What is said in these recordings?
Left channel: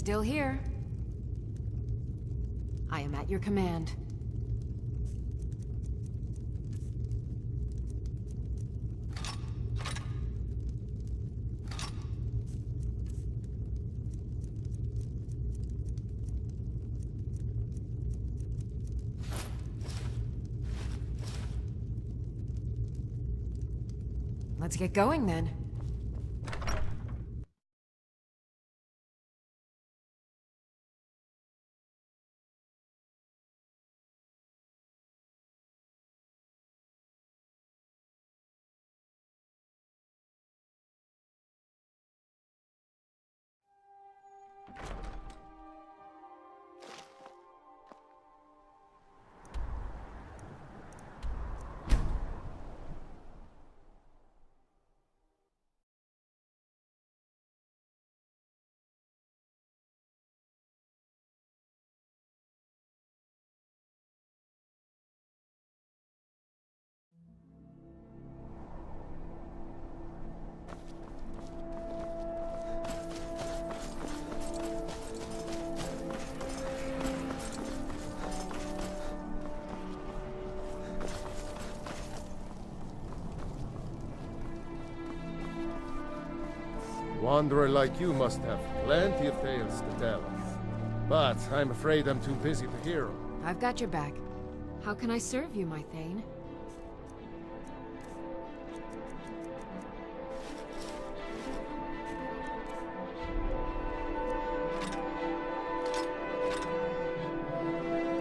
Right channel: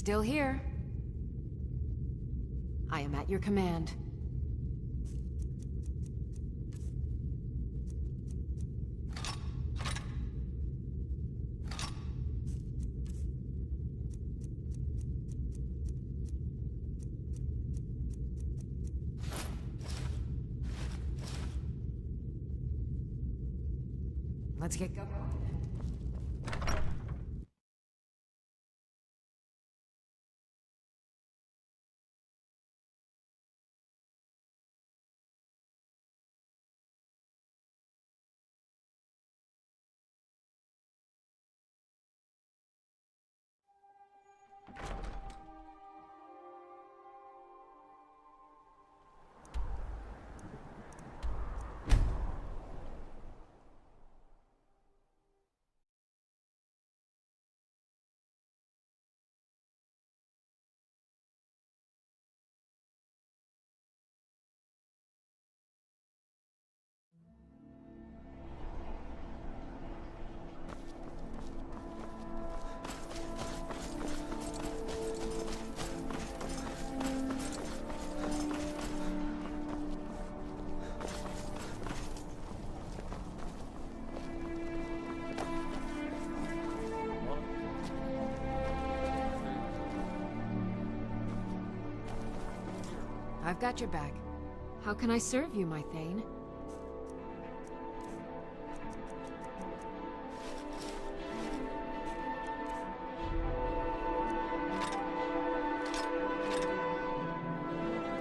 Still here. I am at your command. Let's get going then. Wanderer like you must have plenty of tales to tell. But I'm afraid I'm too busy to hear 'em. I've got your back. How can I serve you, my Thane?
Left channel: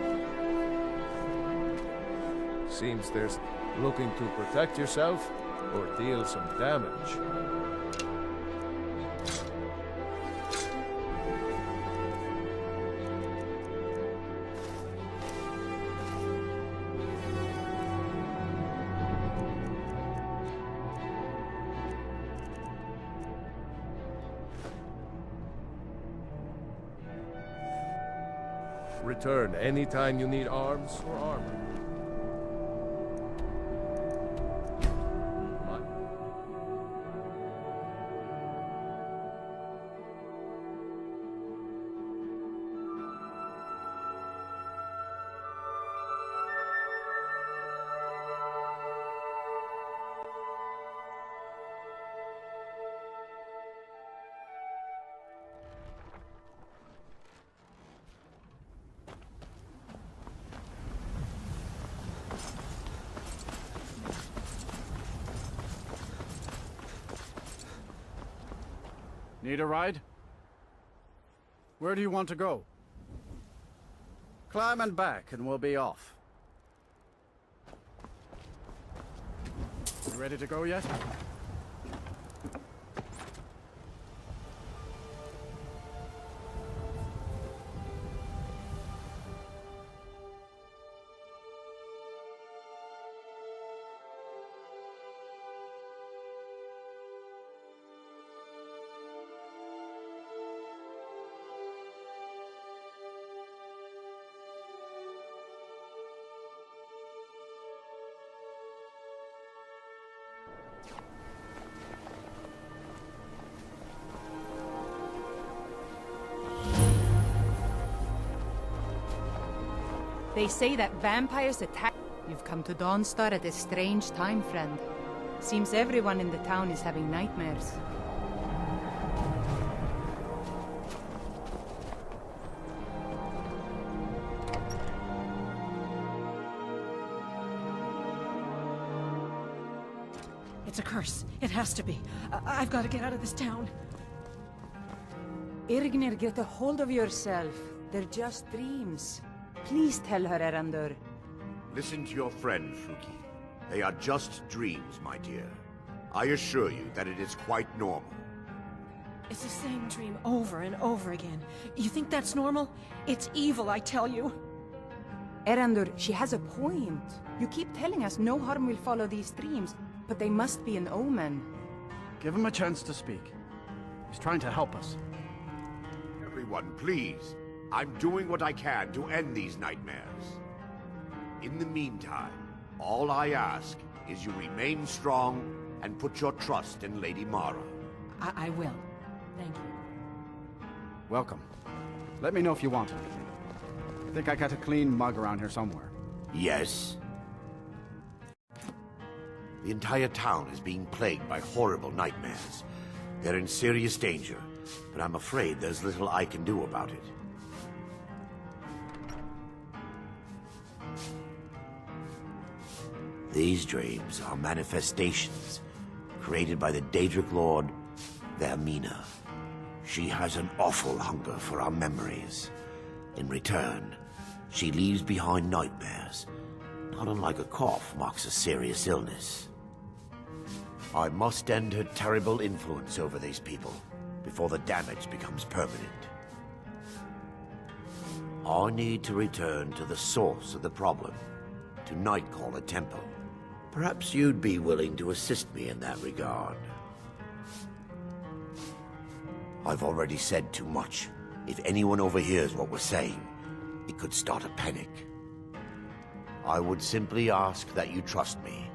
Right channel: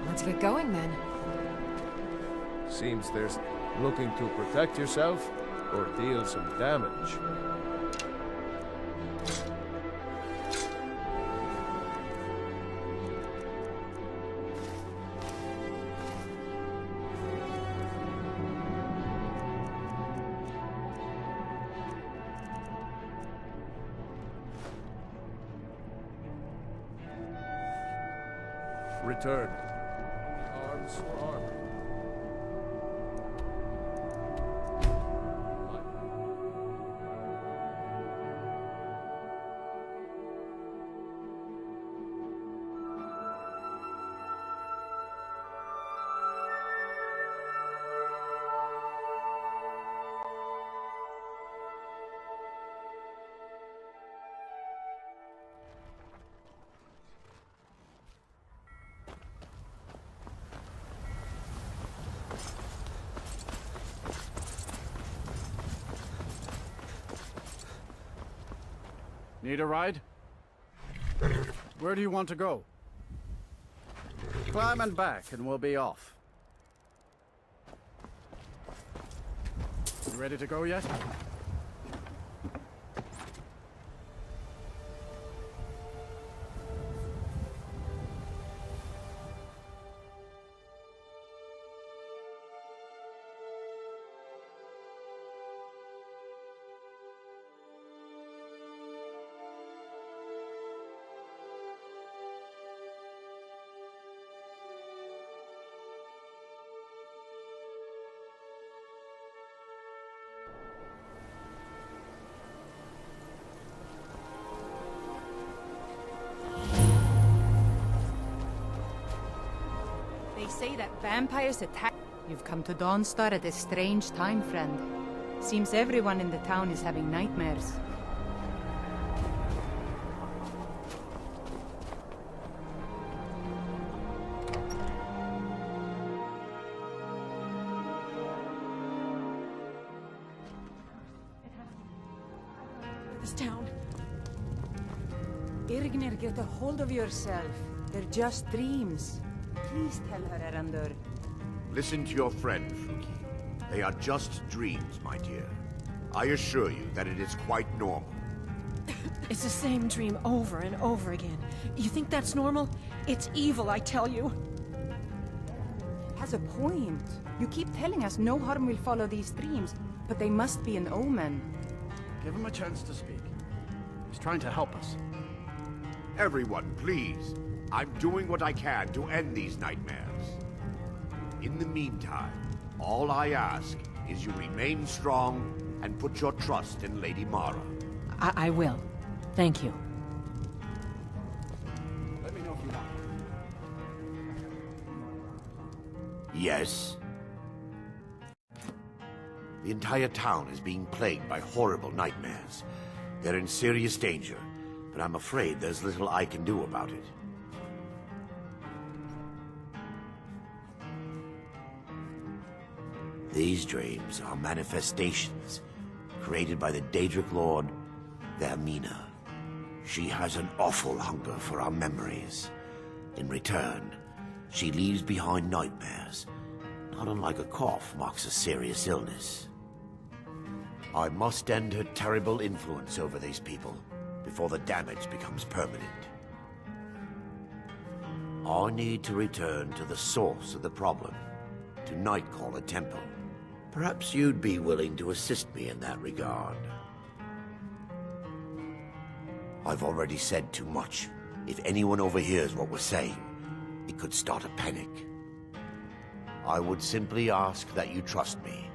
Let's get going then. Seems there's looking to protect yourself or deal some damage. Return anytime you need arms or armor. Need a ride? Where do you want to go? Climb and back and we'll be off. You ready to go yet? They say that vampires attack. You've come to Dawnstar at a strange time, friend. Seems everyone in the town is having nightmares. It's a curse. It has to be. I've got to get out of this town. Irgnir, get a hold of yourself. They're just dreams. Please tell her, Erandur. Listen to your friend, Fuki. They are just dreams, my dear. I assure you that it is quite normal. It's the same dream over and over again. You think that's normal? It's evil, I tell you. Erandur, she has a point. You keep telling us no harm will follow these dreams, but they must be an omen. Give him a chance to speak. He's trying to help us. Everyone, please. I'm doing what I can to end these nightmares. In the meantime, all I ask is you remain strong and put your trust in Lady Mara. I will. Thank you. Welcome. Let me know if you want. I think I got a clean mug around here somewhere. Yes? The entire town is being plagued by horrible nightmares. They're in serious danger, but I'm afraid there's little I can do about it. These dreams are manifestations created by the Daedric Lord, Vermina. She has an awful hunger for our memories. In return, she leaves behind nightmares, not unlike a cough marks a serious illness. I must end her terrible influence over these people before the damage becomes permanent. I need to return to the source of the problem, to Nightcaller Temple. Perhaps you'd be willing to assist me in that regard. I've already said too much. If anyone overhears what we're saying, it could start a panic. I would simply ask that you trust me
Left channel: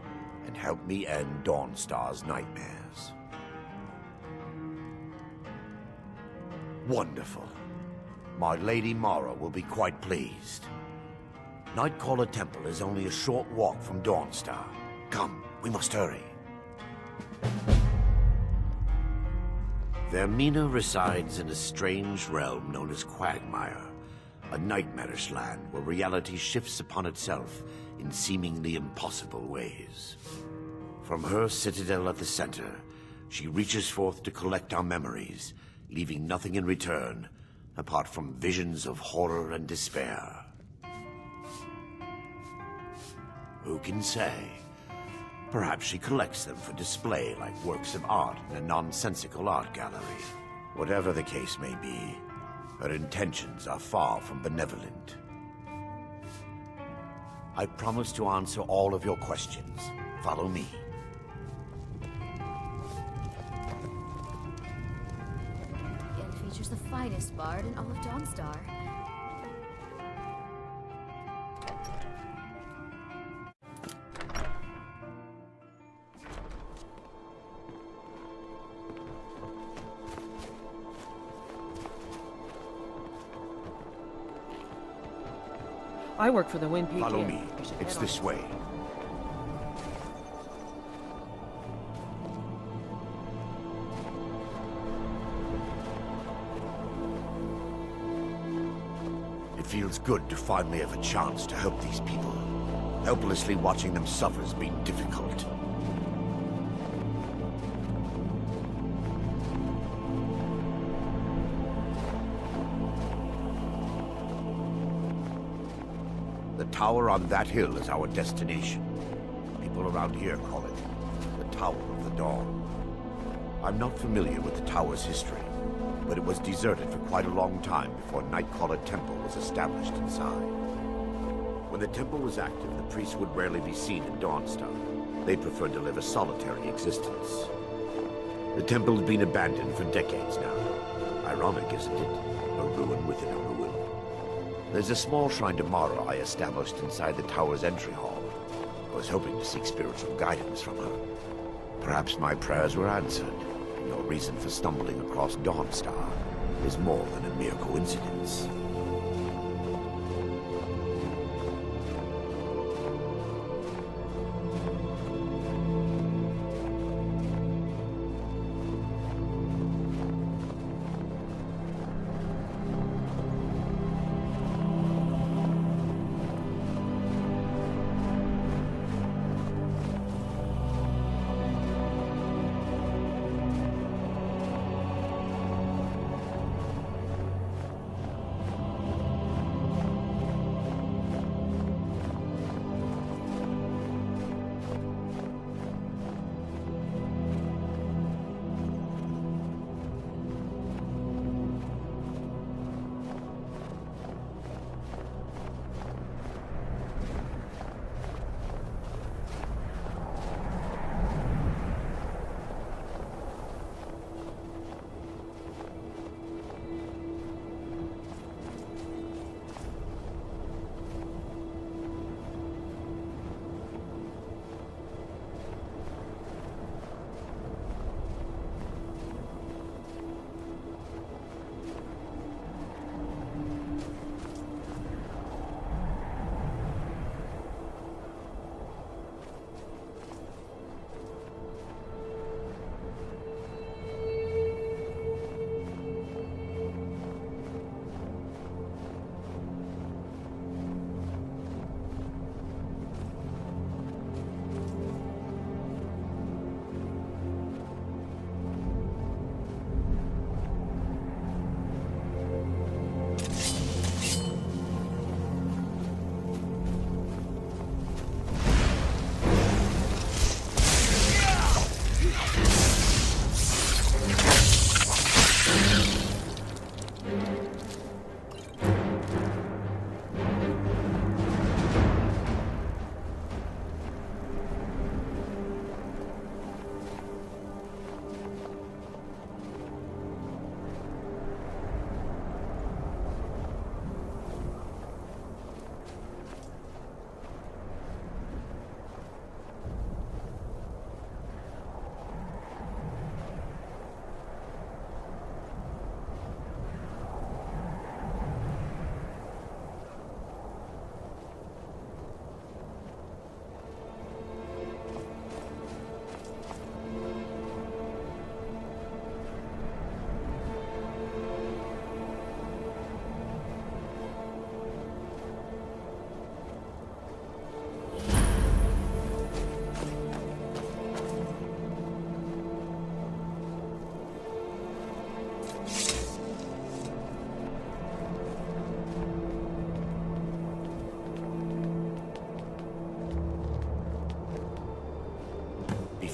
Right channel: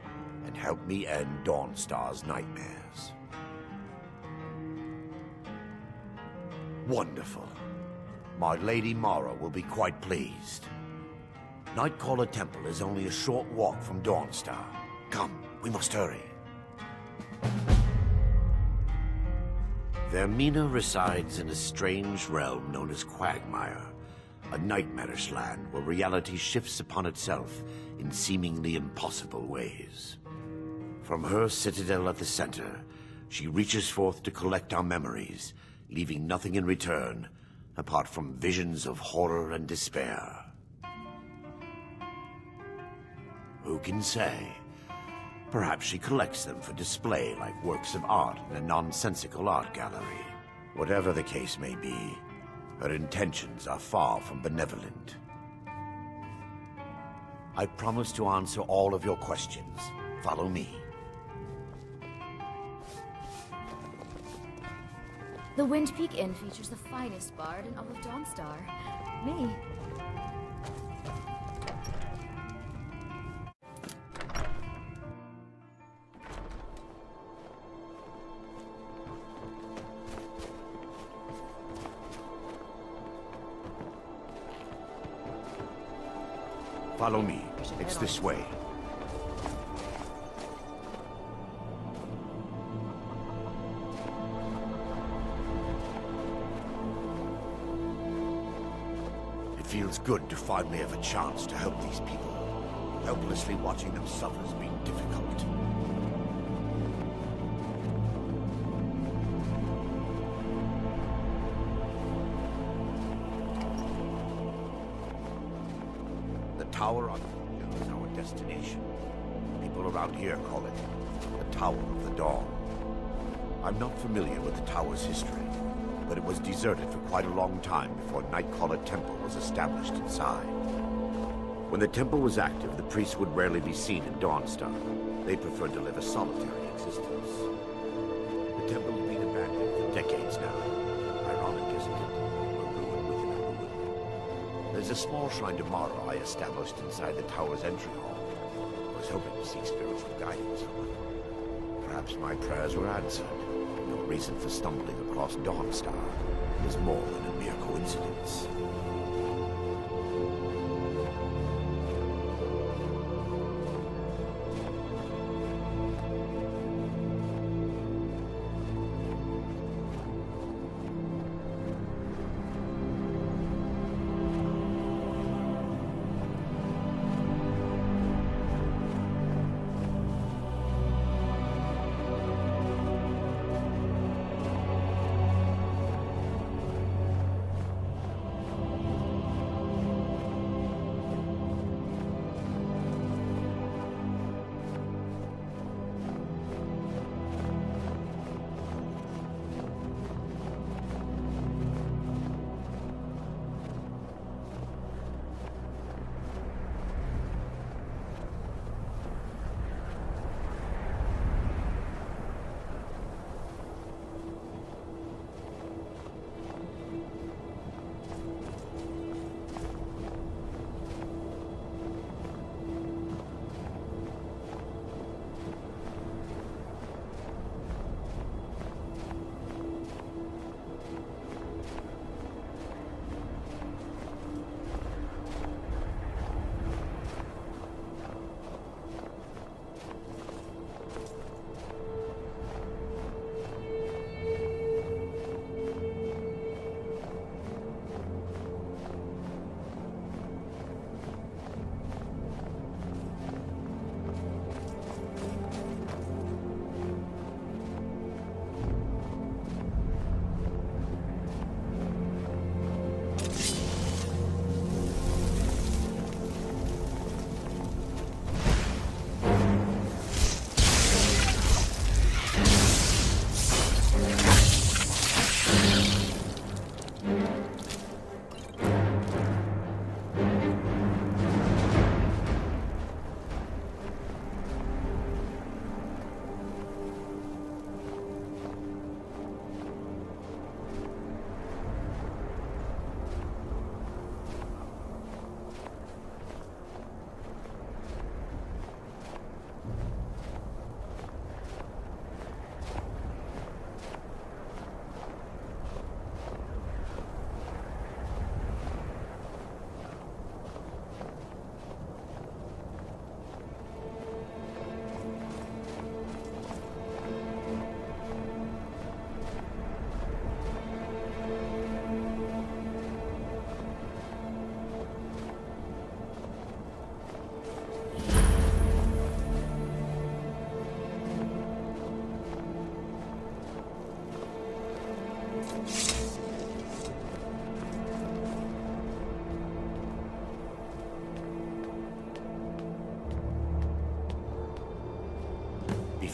and help me end Dawnstar's nightmares. Wonderful. My Lady Mara will be quite pleased. Nightcaller Temple is only a short walk from Dawnstar. Come, we must hurry. Vermina resides in a strange realm known as Quagmire, a nightmarish land where reality shifts upon itself in seemingly impossible ways. From her citadel at the center, she reaches forth to collect our memories, leaving nothing in return apart from visions of horror and despair. Who can say? Perhaps she collects them for display like works of art in a nonsensical art gallery. Whatever the case may be, her intentions are far from benevolent. I promise to answer all of your questions. Follow me. The Wind Peak Inn features the finest bard in all of Dawnstar. Me. I work for the Wind Peak Follow Inn. me. We should It's head this on. way. It feels good to finally have a chance to help these people. Helplessly watching them suffer has been difficult. The tower on that hill is our destination. People around here call it the Tower of the Dawn. I'm not familiar with the tower's history, but it was deserted for quite a long time before Nightcaller Temple was established inside. When the temple was active, the priests would rarely be seen in Dawnstar. They preferred to live a solitary existence. The temple has been abandoned for decades now. Ironic, isn't it? A ruin within a ruin. There's a small shrine to Mara I established inside the tower's entry hall. I was hoping to seek spiritual guidance from her. Perhaps my prayers were answered. Your reason for stumbling across Dawnstar is more than a mere coincidence.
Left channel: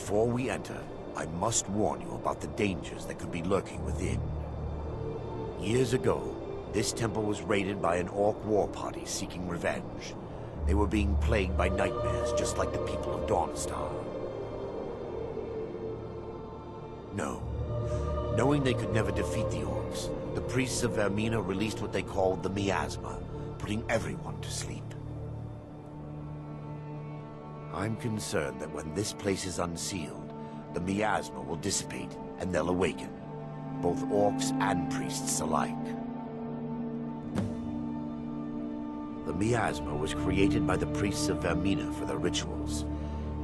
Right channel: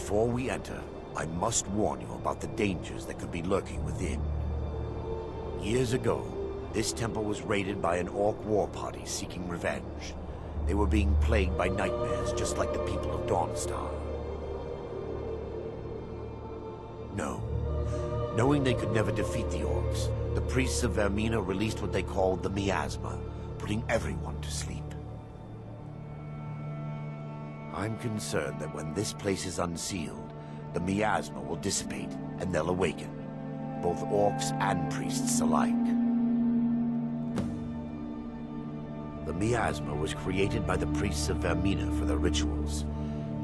Before we enter, I must warn you about the dangers that could be lurking within. Years ago, this temple was raided by an orc war party seeking revenge. They were being plagued by nightmares, just like the people of Dawnstar. No. Knowing they could never defeat the orcs, the priests of Vermina released what they called the miasma, putting everyone to sleep. I'm concerned that when this place is unsealed, the miasma will dissipate and they'll awaken, both orcs and priests alike. The miasma was created by the priests of Vermina for their rituals.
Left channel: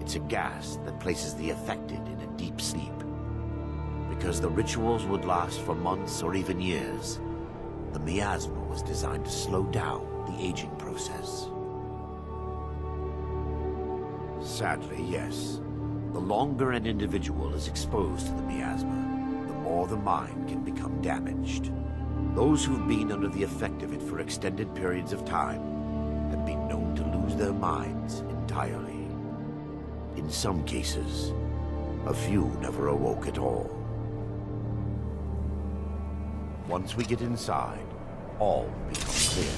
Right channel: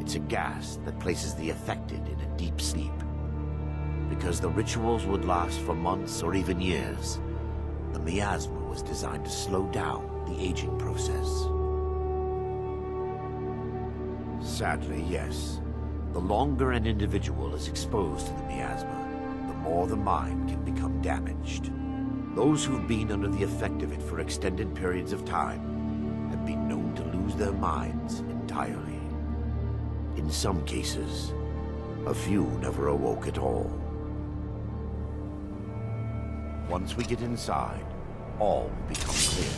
It's a gas that places the affected in a deep sleep. Because the rituals would last for months or even years, the miasma was designed to slow down the aging process. Sadly, yes. The longer an individual is exposed to the miasma, the more the mind can become damaged. Those who've been under the effect of it for extended periods of time have been known to lose their minds entirely. In some cases, a few never awoke at all. Once we get inside, all becomes clear.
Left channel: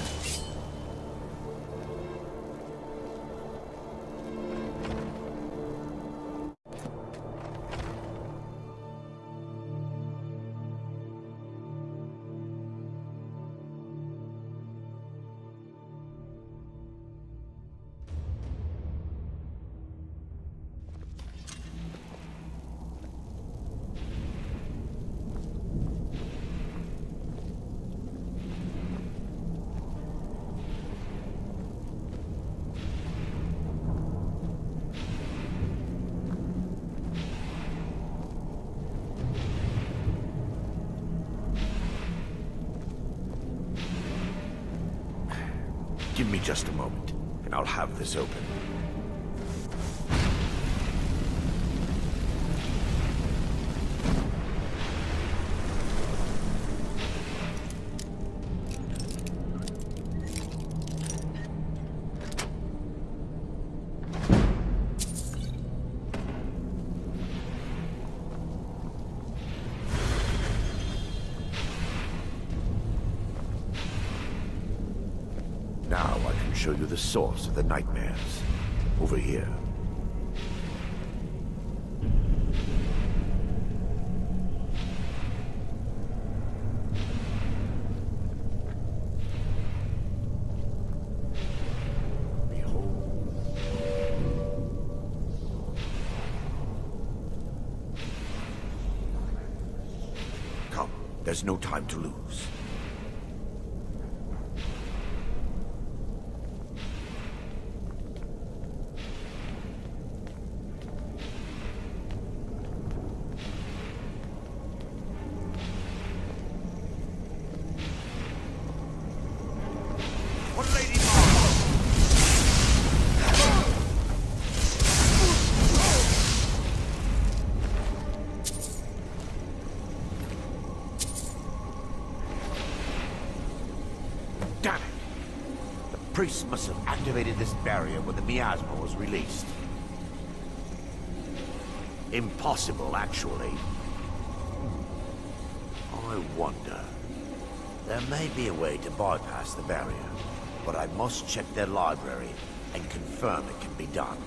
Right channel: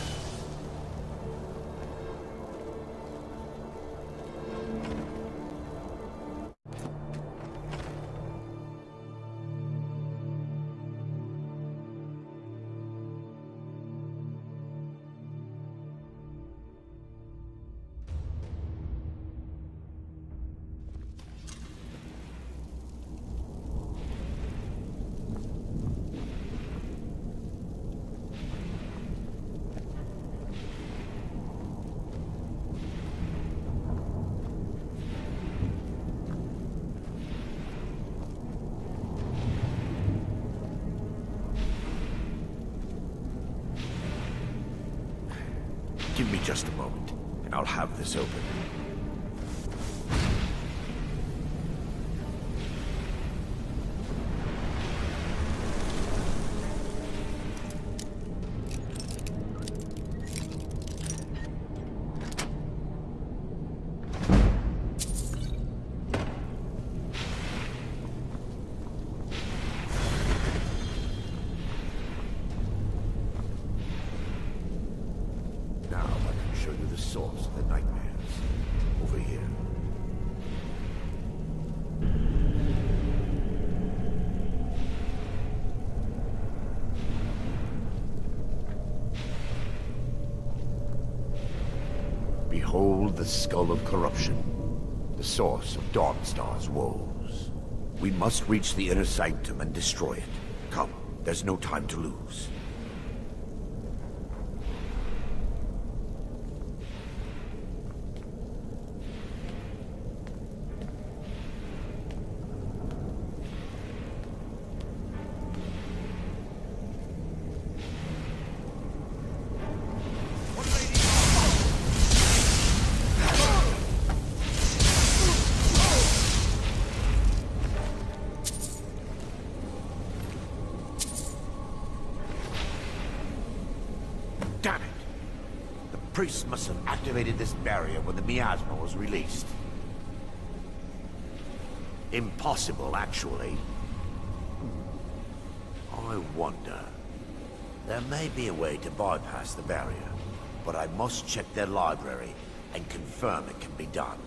Give me just a moment, and I'll have this open. Now I can show you the source of the nightmares. Over here. Behold the Skull of Corruption, the source of Dawnstar's woes. We must reach the inner sanctum and destroy it. Come, there's no time to lose. Damn it! The priests must have activated this barrier when the miasma was released. Impossible, actually. I wonder. There may be a way to bypass the barrier, but I must check their library and confirm it can be done.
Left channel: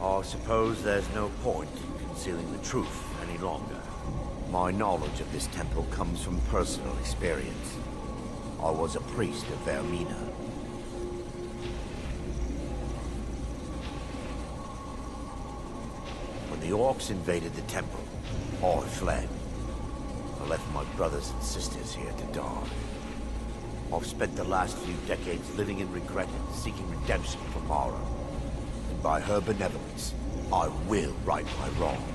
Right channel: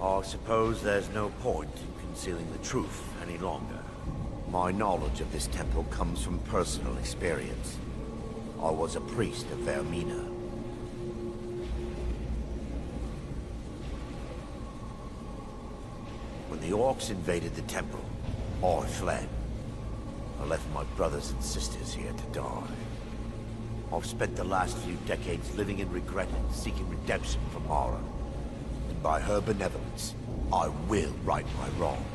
I suppose there's no point in concealing the truth any longer. My knowledge of this temple comes from personal experience. I was a priest of Vermina. When the orcs invaded the temple, I fled. I left my brothers and sisters here to die. I've spent the last few decades living in regret and seeking redemption from Mara. And by her benevolence, I will right my wrongs.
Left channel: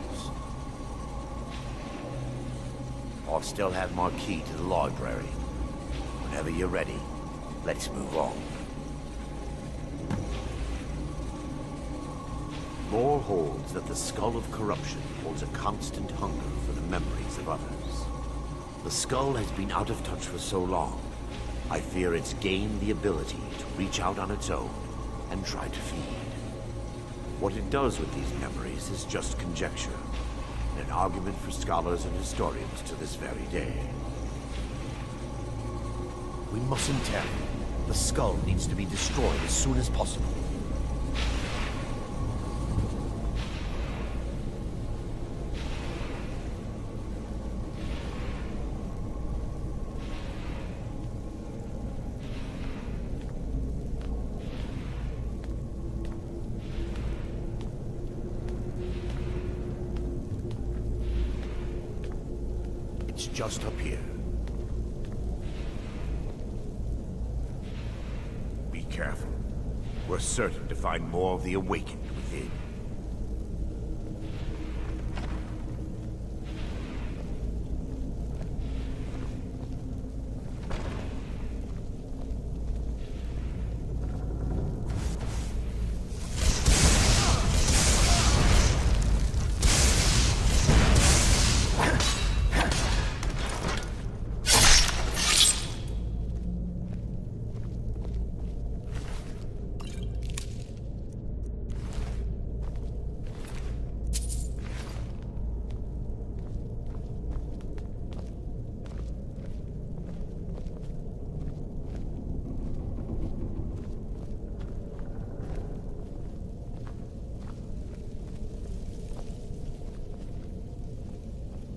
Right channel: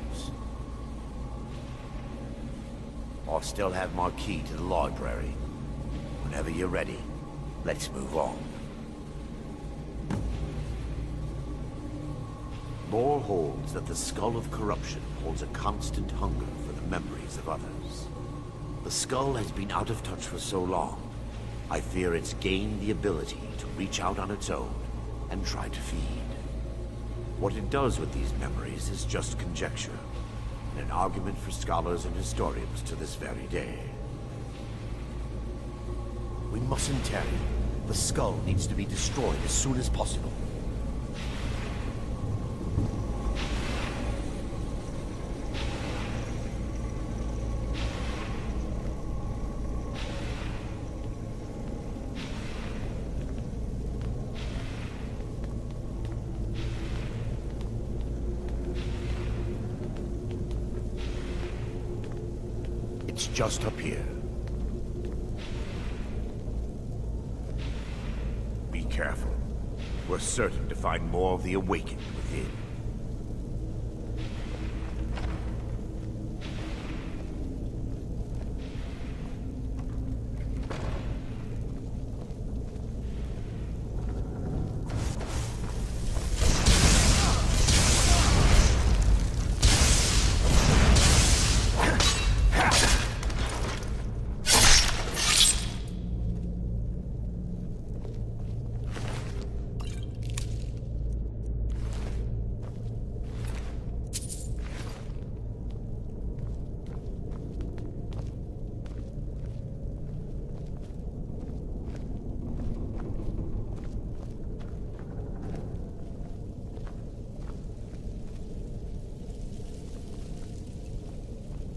I still have my key to the library. Whenever you're ready, let's move on. Lore holds that the Skull of Corruption holds a constant hunger for the memories of others. The skull has been out of touch for so long, I fear it's gained the ability to reach out on its own and try to feed. What it does with these memories is just conjecture, and an argument for scholars and historians to this very day. We mustn't tarry. The skull needs to be destroyed as soon as possible. It's just up here. Be careful. We're certain to find more of the awakened within.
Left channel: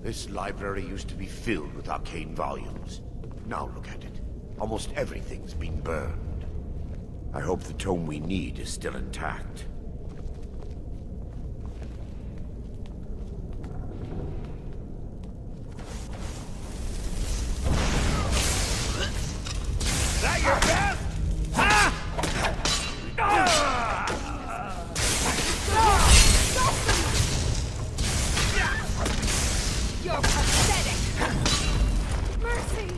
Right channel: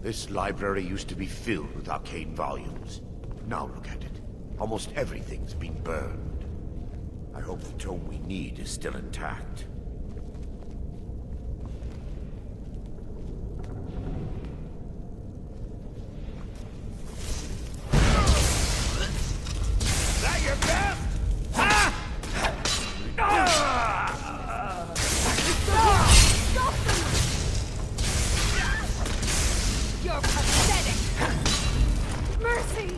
This library used to be filled with arcane volumes. Now look at it. Almost everything's been burned. I hope the tome we need is still intact. That your best? You're pathetic! Mercy!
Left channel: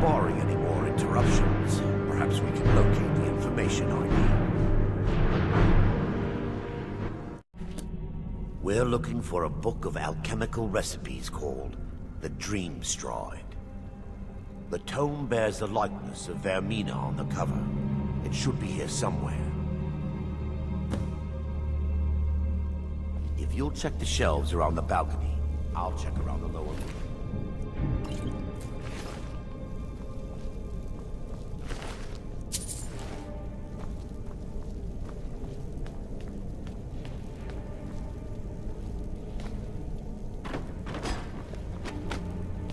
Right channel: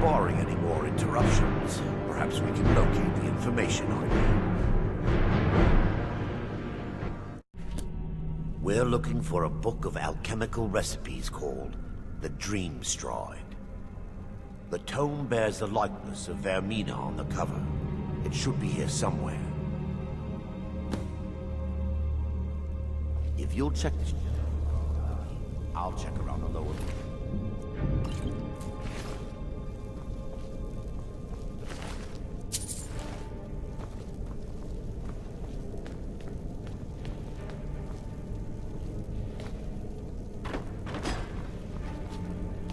Barring any more interruptions, perhaps we can locate the information I need. We're looking for a book of alchemical recipes called the Dream Stride. The tome bears the likeness of Vermina on the cover. It should be here somewhere. If you'll check the shelves around the balcony, I'll check around the lower room.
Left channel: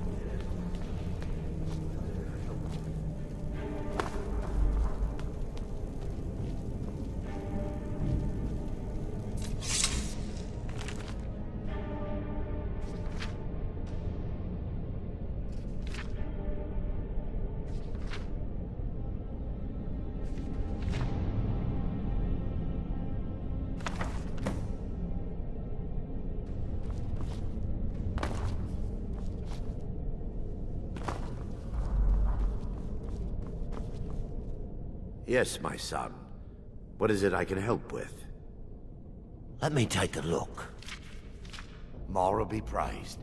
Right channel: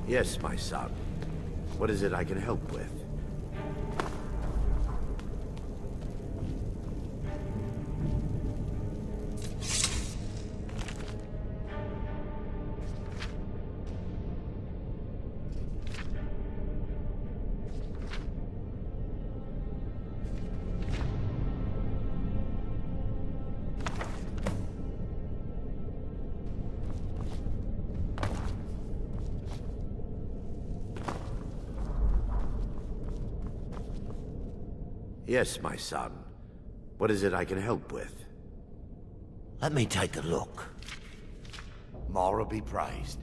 Yes, my son. What is it I can help with? Yes, my son. What is it I can help with? Let me take a look. Mara be praised.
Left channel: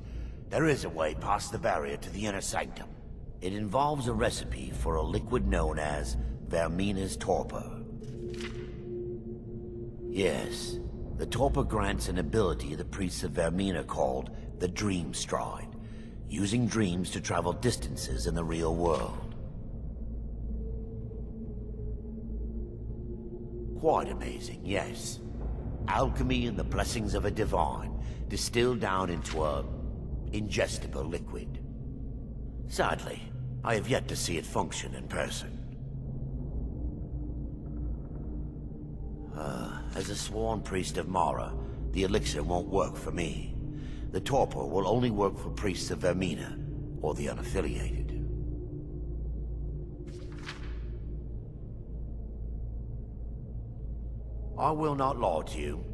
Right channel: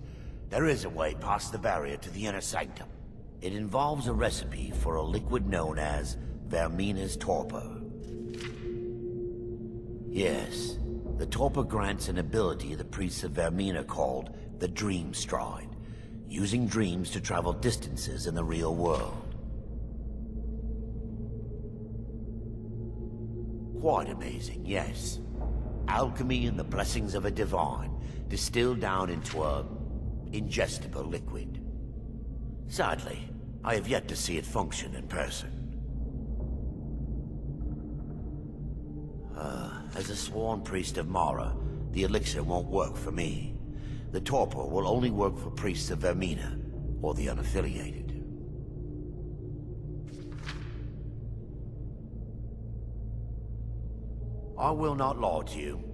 There is a way past the barrier to the inner sanctum. It involves a recipe for a liquid known as Vermina's torpor. Yes, the torpor grants an ability the priests of Vermina called the Dream Stride, using dreams to travel distances in the real world. Quite amazing, yes. Alchemy and the blessings of a divine, distilled down into a ingestible liquid. Sadly, I have yet to see it function in person. As a sworn priest of Mara, the elixir won't work for me. The torpor will only work for priests of Vermina, or the unaffiliated. I will not lie to you.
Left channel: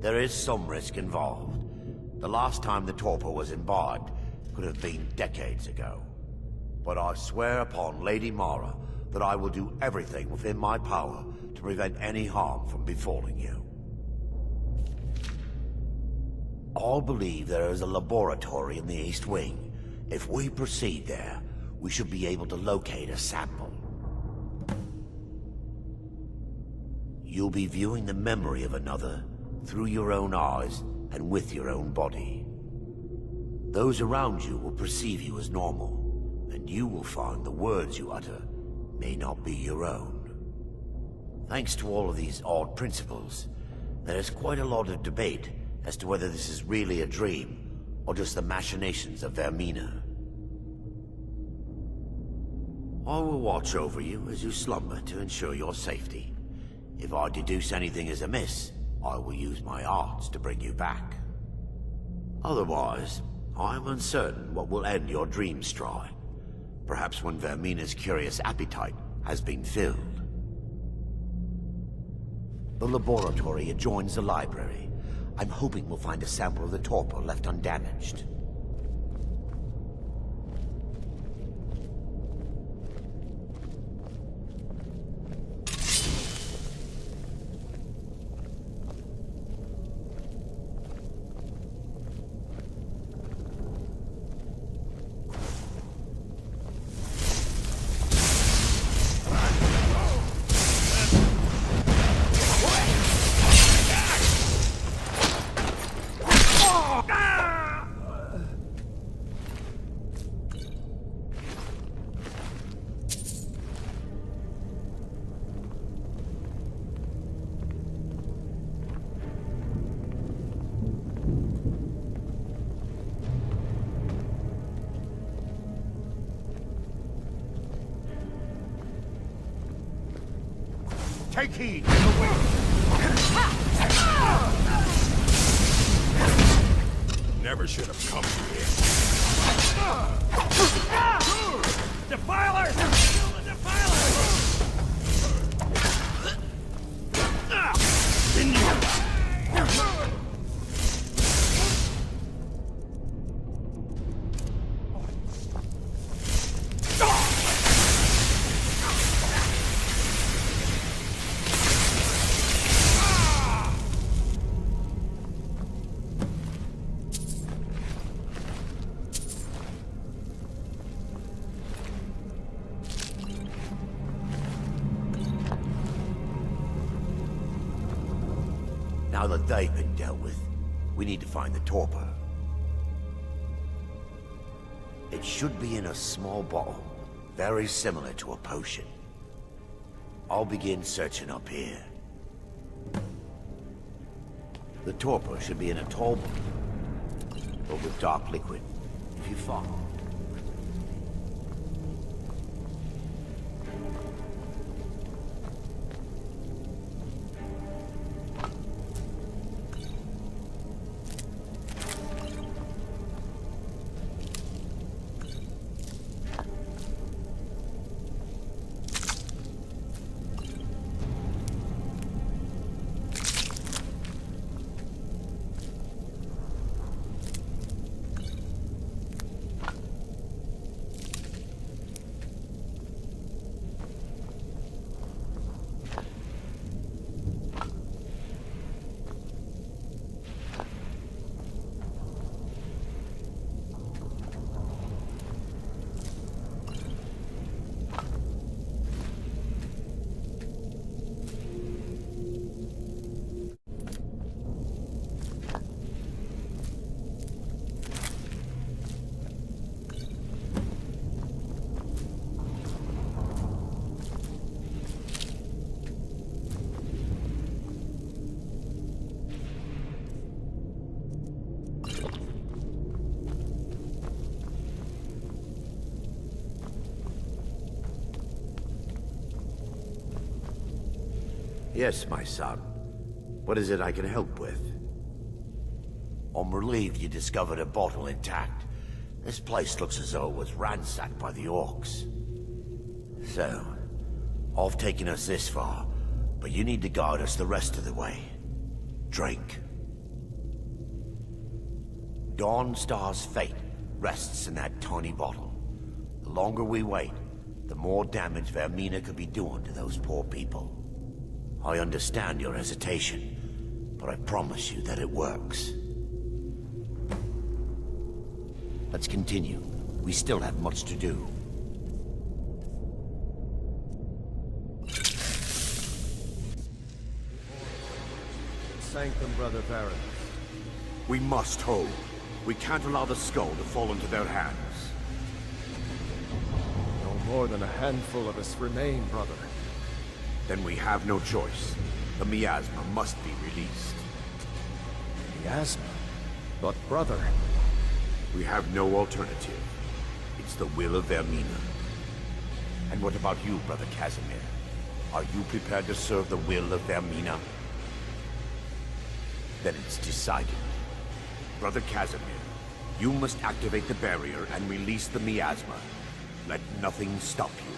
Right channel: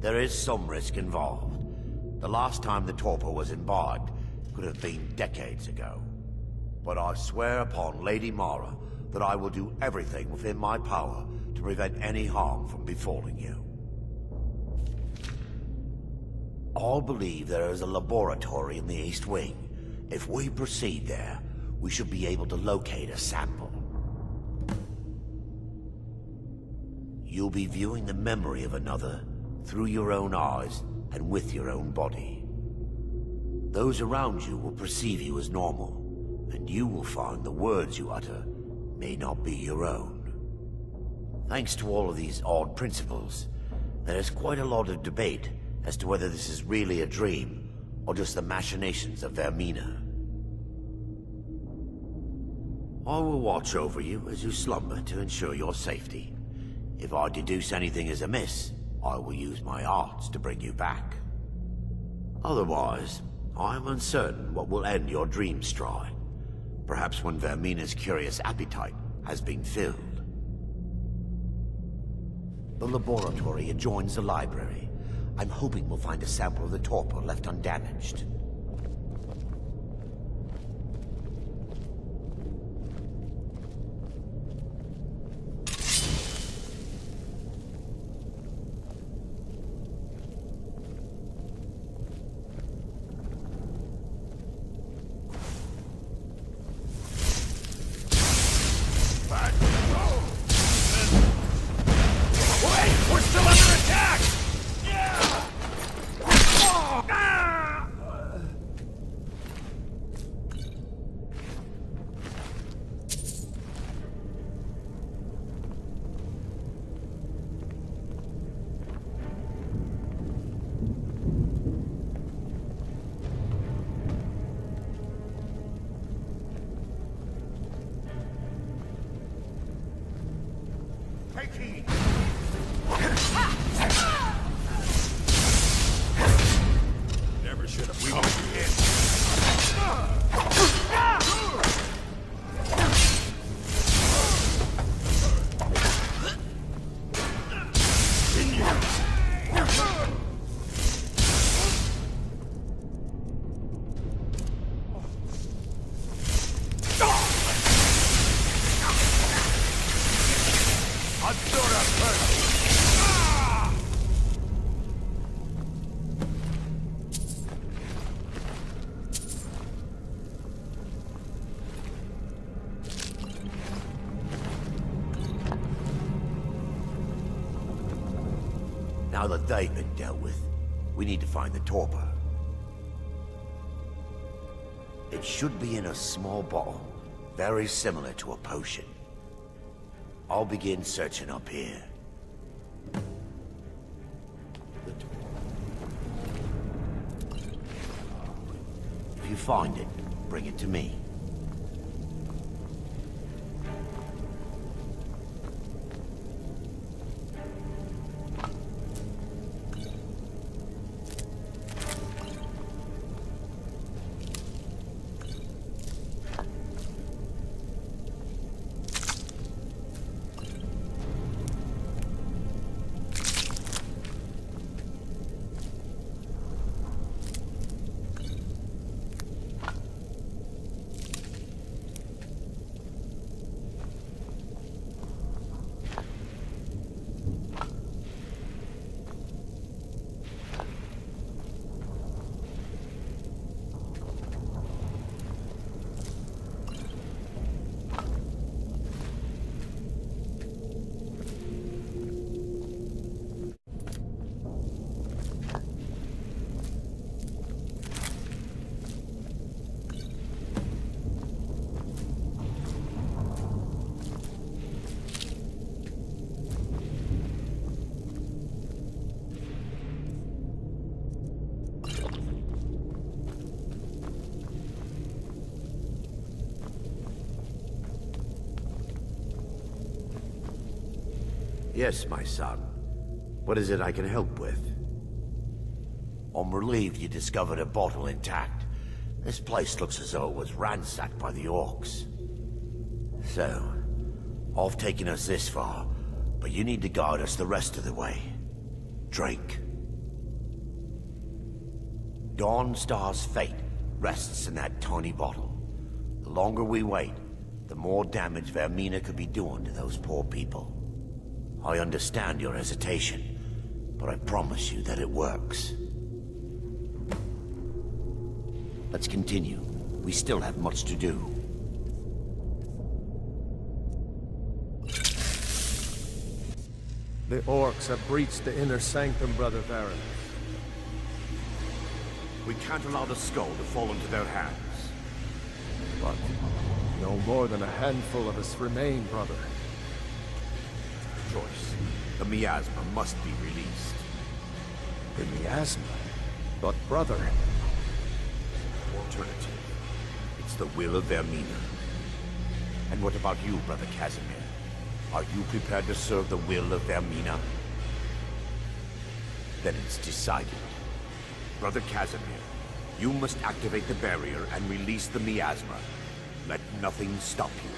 There is some risk involved. The last time the torpor was imbibed could have been decades ago. But I swear upon Lady Mara that I will do everything within my power to prevent any harm from befalling you. I believe there is a laboratory in the East Wing. If we proceed there, we should be able to locate a sample. You'll be viewing the memory of another through your own eyes and with your own body. Those around you will perceive you as normal, and you will find the words you utter may not be your own. Thanks to all of these odd principles, there is quite a lot of debate as to whether this is really a dream or just the machinations of Vermina. I will watch over you as you slumber to ensure your safety. If I deduce anything is amiss, I will use my arts to bring you back. Otherwise, I am uncertain what will end your dream stride. Perhaps when Vermina's curious appetite has been filled. The laboratory adjoins the library. I'm hoping we'll find a sample of the torpor left undamaged. Take heed! Never should have come here. Defiler! Now that they've been dealt with, we need to find the torpor. It should be in a small bottle, very similar to a potion. I'll begin searching up here. The torpor should be in a tall bottle with dark liquid. If you find it, bring it to me. Yes, my son. What is it I can help with? I'm relieved you discovered a bottle intact. This place looks as though it was ransacked by the orcs. So, I've taken us this far, but you need to guide us the rest of the way. Drink. Dawnstar's fate rests in that tiny bottle. The longer we wait, the more damage Vermina could be doing to those poor people. I understand your hesitation, but I promise you that it works. Let's continue. We still have much to do. The orcs have breached the inner sanctum, Brother Varen. We must hold. We can't allow the skull to fall into their hands. But no more than a handful of us remain, brother. Then we have no choice. The miasma must be released. The miasma? But brother... We have no alternative. It's the will of Vermina. And what about you, Brother Casimir? Are you prepared to serve the will of Vermina? Then it's decided. Brother Casimir, you must activate the barrier and release the miasma. Let nothing stop you.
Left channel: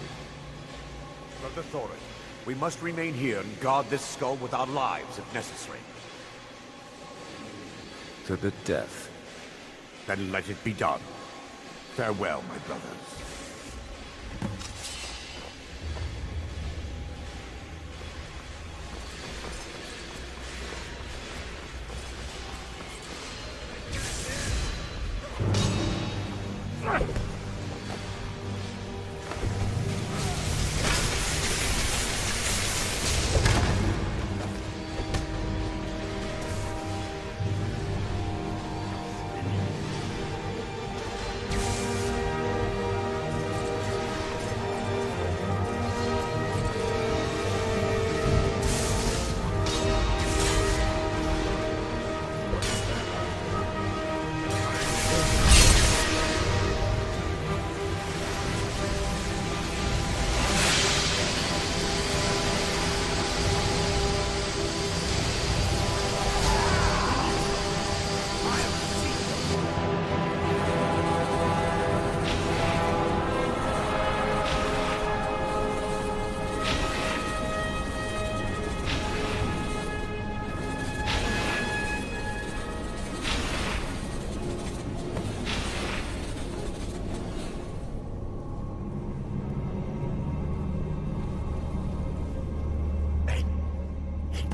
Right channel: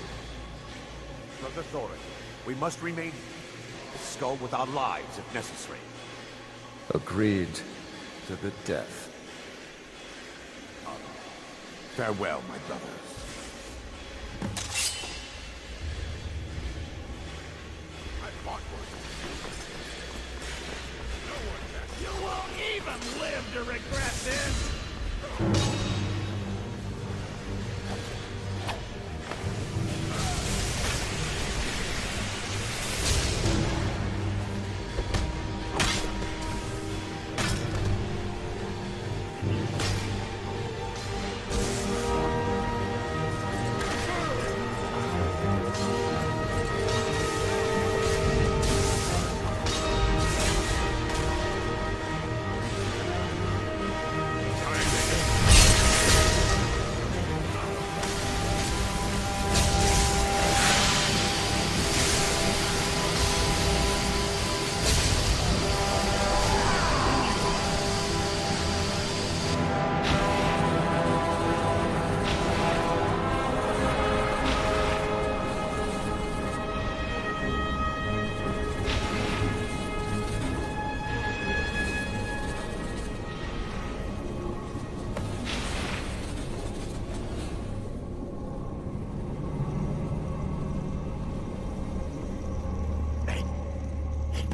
Brother Thorin, we must remain here and guard this skull with our lives if necessary. Agreed to the death. Then let it be done. Farewell, my brothers.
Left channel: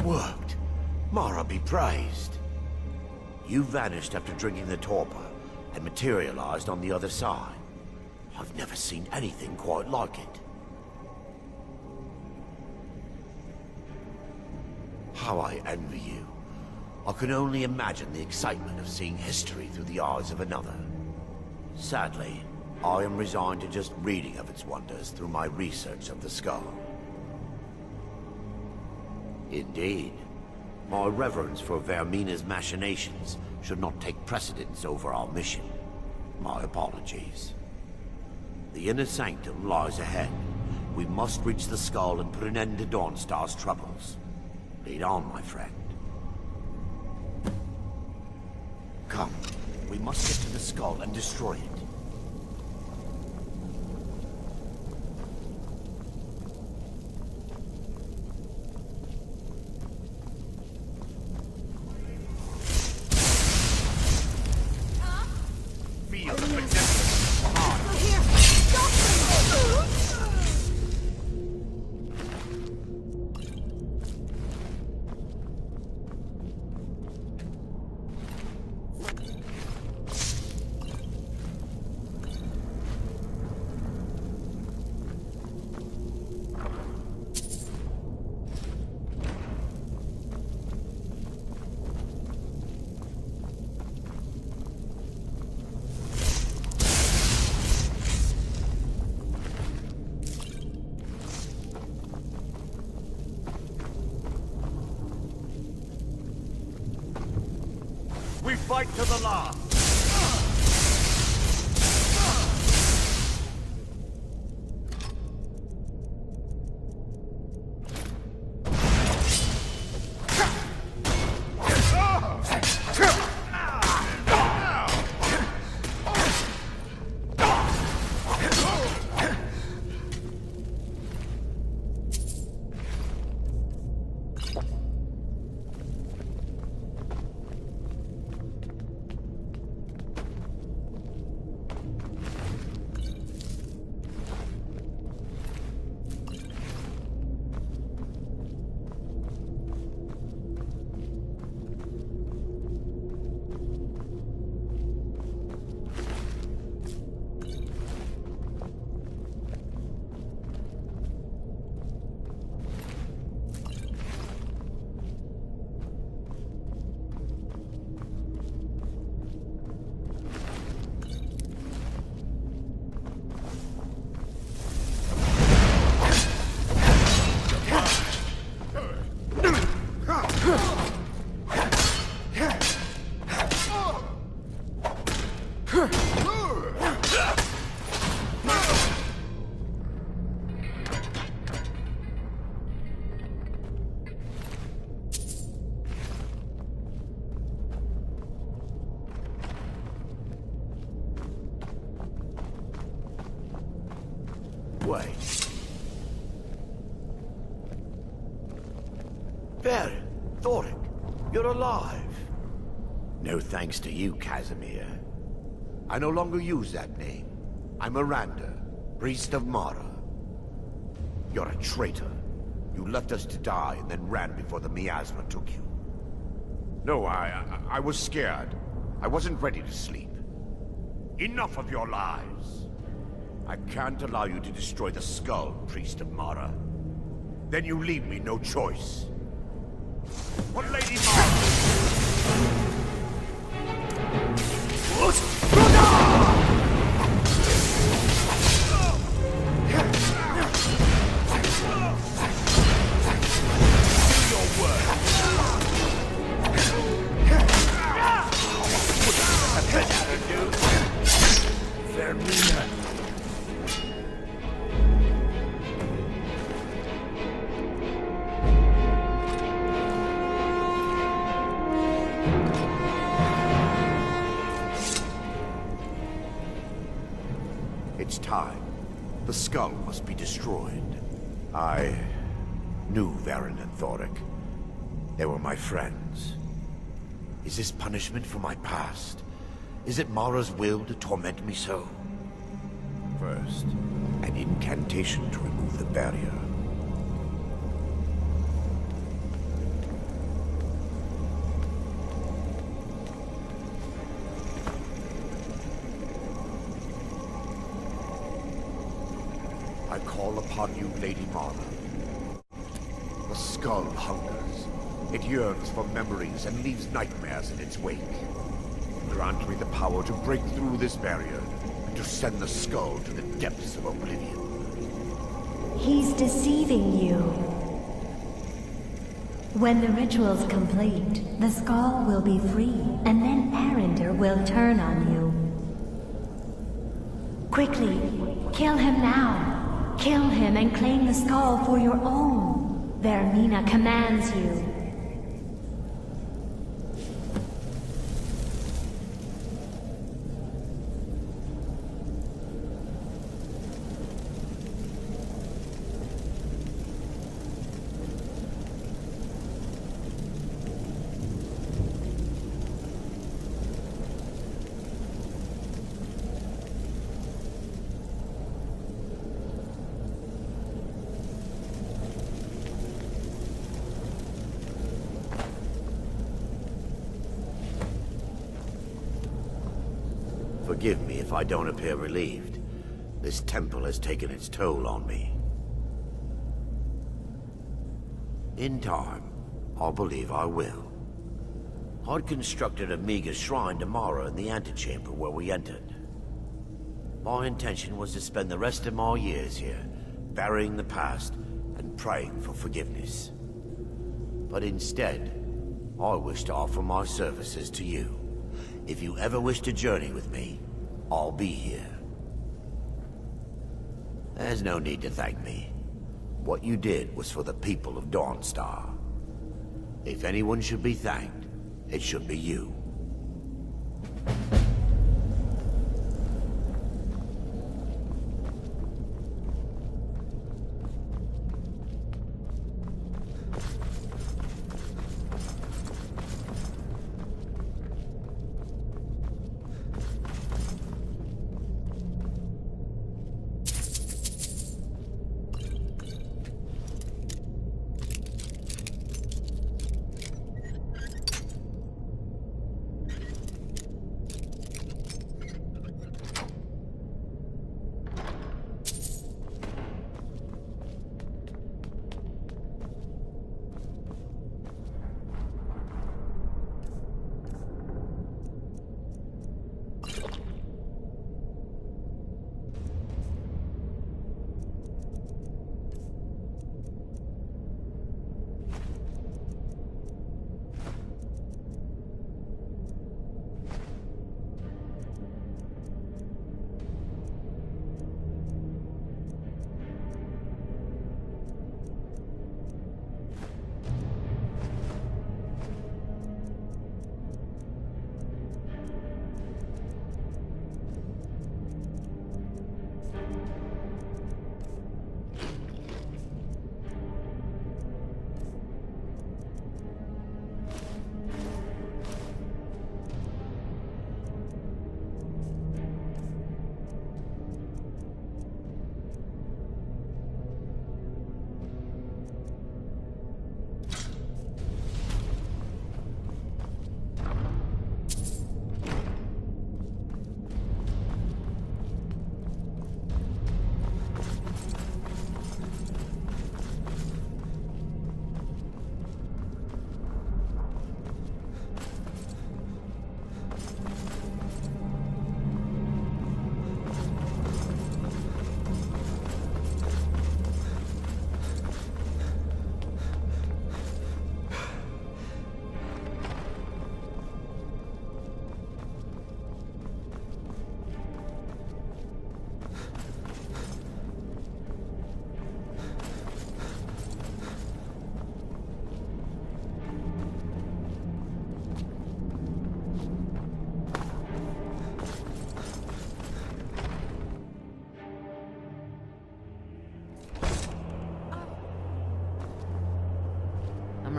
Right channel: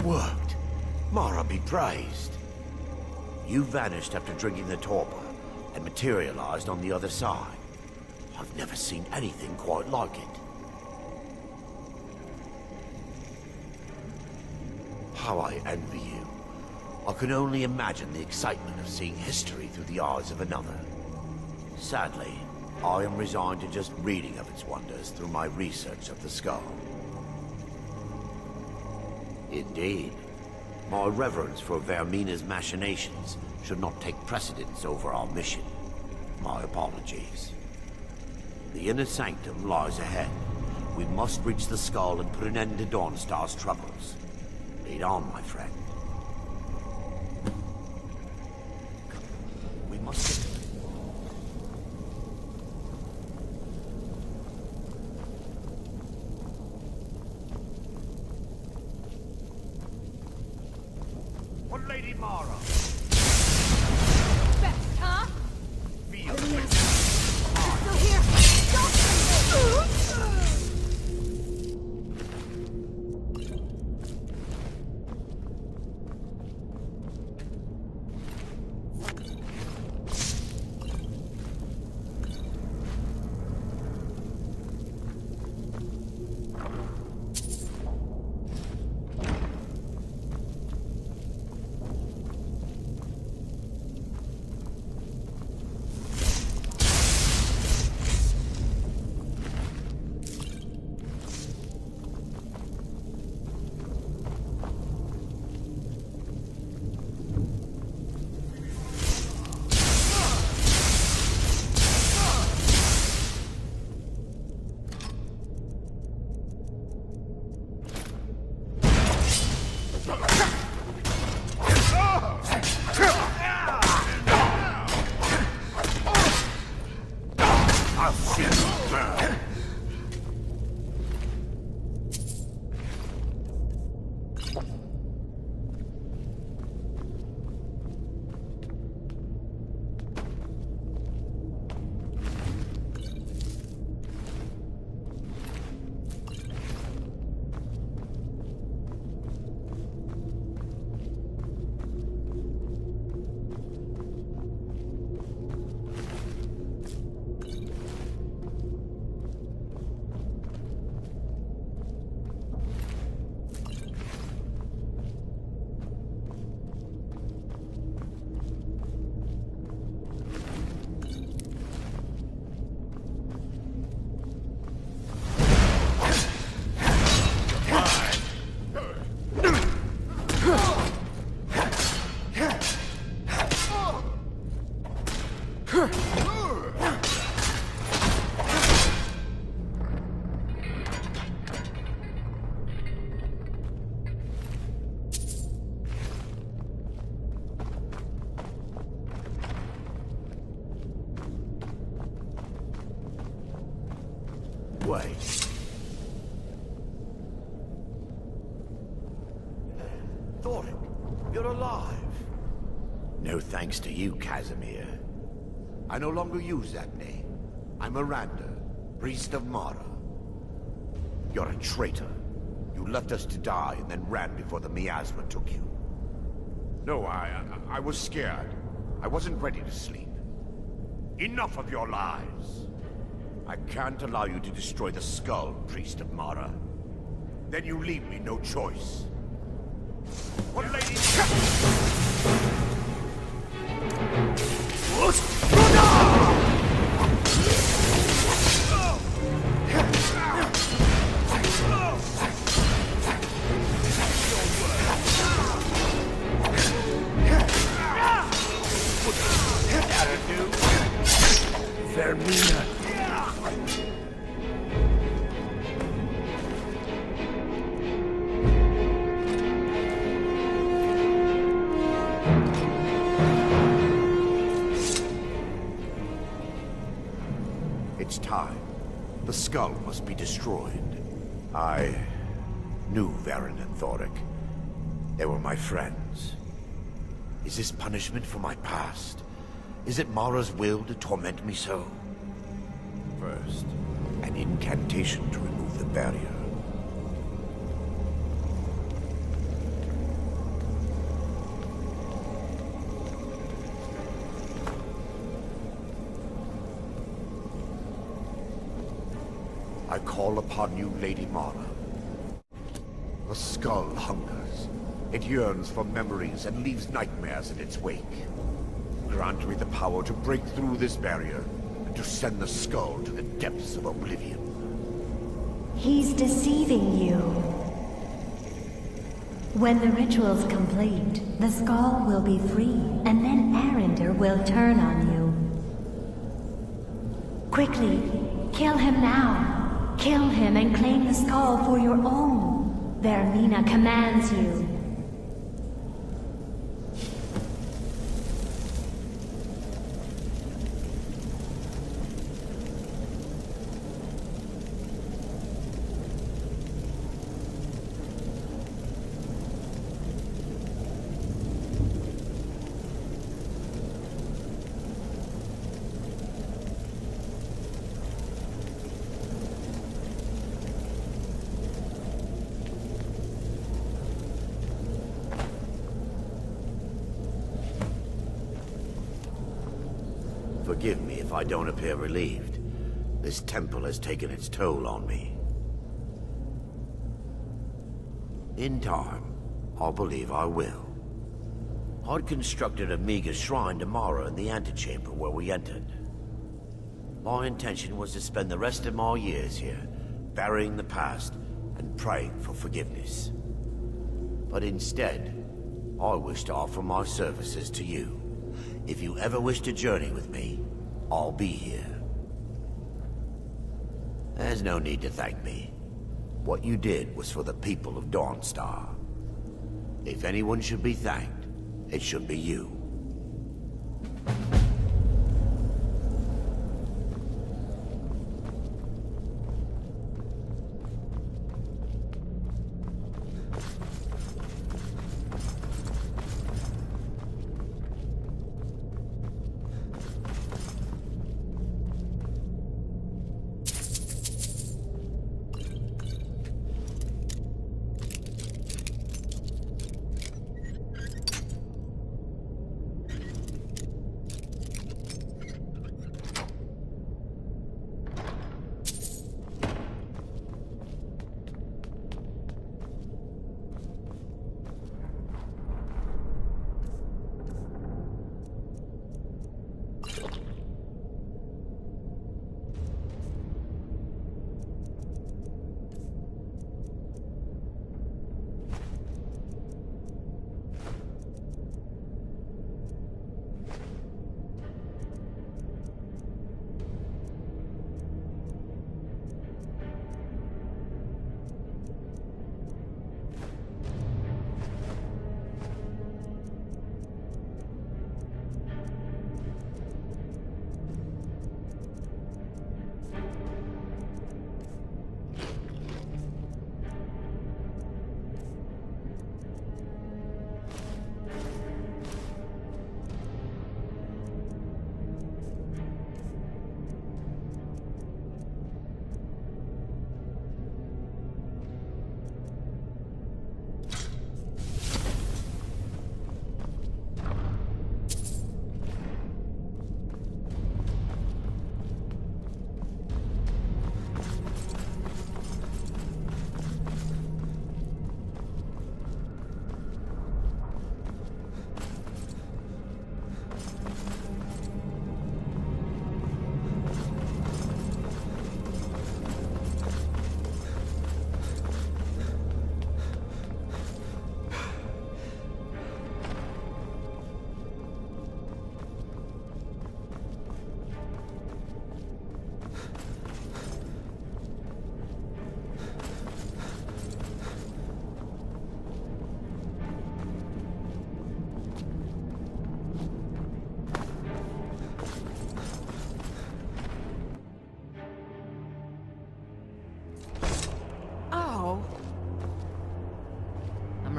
Worked. Mara be praised. You vanished after drinking the torpor and materialized on the other side. I've never seen anything quite like it. How I envy you. I can only imagine the excitement of seeing history through the eyes of another. Sadly, I am resigned to just reading of its wonders through my research of the skull. Indeed. My reverence for Vermina's machinations should not take precedence over our mission. My apologies. The inner sanctum lies ahead. We must reach the skull and put an end to Dawnstar's troubles. Lead on, my friend. Come, we must get to the skull and destroy it. Lady Mara. Huh? Feel the redemption. Still here! Stop them! We fight to the last. Wait. Baron, Thoric, you're alive. No thanks to you, Casimir. I no longer use that name. I'm Miranda, priest of Mara. You're a traitor. You left us to die and then ran before the miasma took you. No, I was scared. I wasn't ready to sleep. Enough of your lies. I can't allow you to destroy the skull, priest of Mara. Then you leave me no choice. What lady Vermina. It's time. The skull must be destroyed. I knew Varen and Thoric. They were my friends. Is this punishment for my past? Is it Mara's will to torment me so? First, an incantation to remove the barrier. I call upon you, Lady Mara. The skull hungers. It yearns for memories and leaves nightmares in its wake. Grant me the power to break through this barrier and to send the skull to the depths of oblivion. He's deceiving you. When the ritual's complete, the skull will be free, and then Arender will turn on you. Quickly, kill him now. Kill him and claim the skull for your own. Vermina commands you. Forgive me if I don't appear relieved. This temple has taken its toll on me. In time, I'll believe I will. I'd constructed a meager shrine to Mara in the antechamber where we entered. My intention was to spend the rest of my years here, burying the past and praying for forgiveness. But instead, I wish to offer my services to you. If you ever wish to journey with me, I'll be here. There's no need to thank me. What you did was for the people of Dawnstar. If anyone should be thanked, it should be you.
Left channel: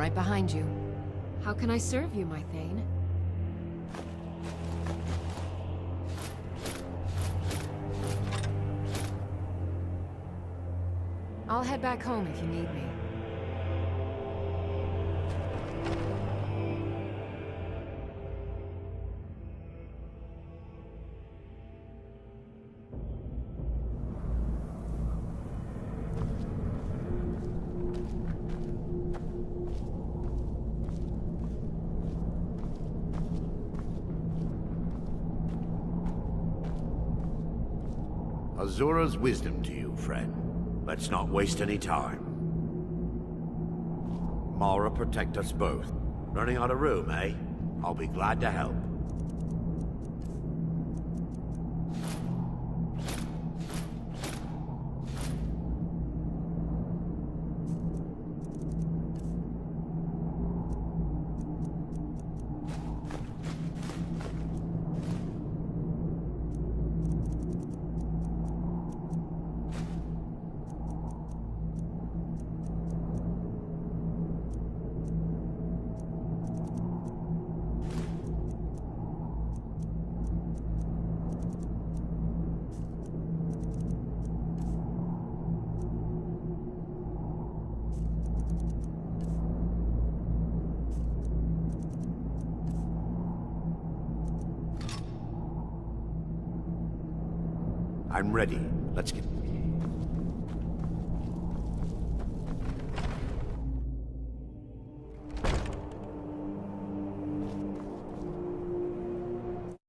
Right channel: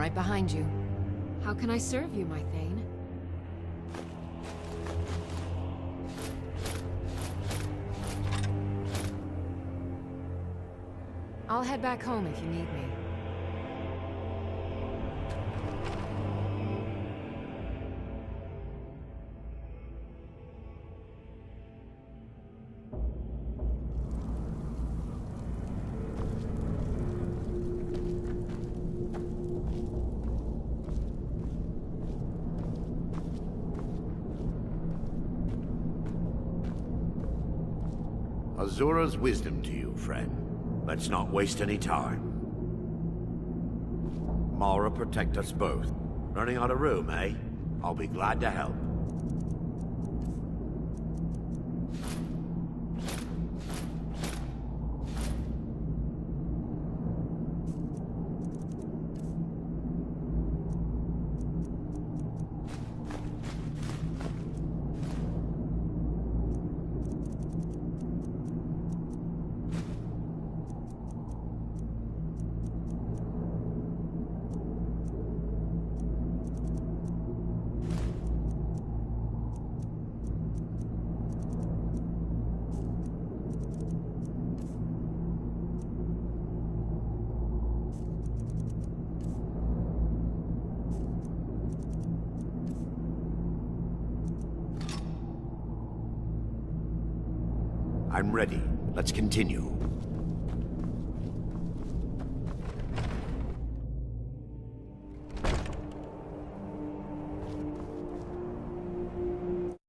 right behind you. How can I serve you, my Thane? I'll head back home if you need me. Azura's wisdom to you, friend. Let's not waste any time. Mara, protect us both. Running out of room, eh? I'll be glad to help. I'm ready. Let's continue.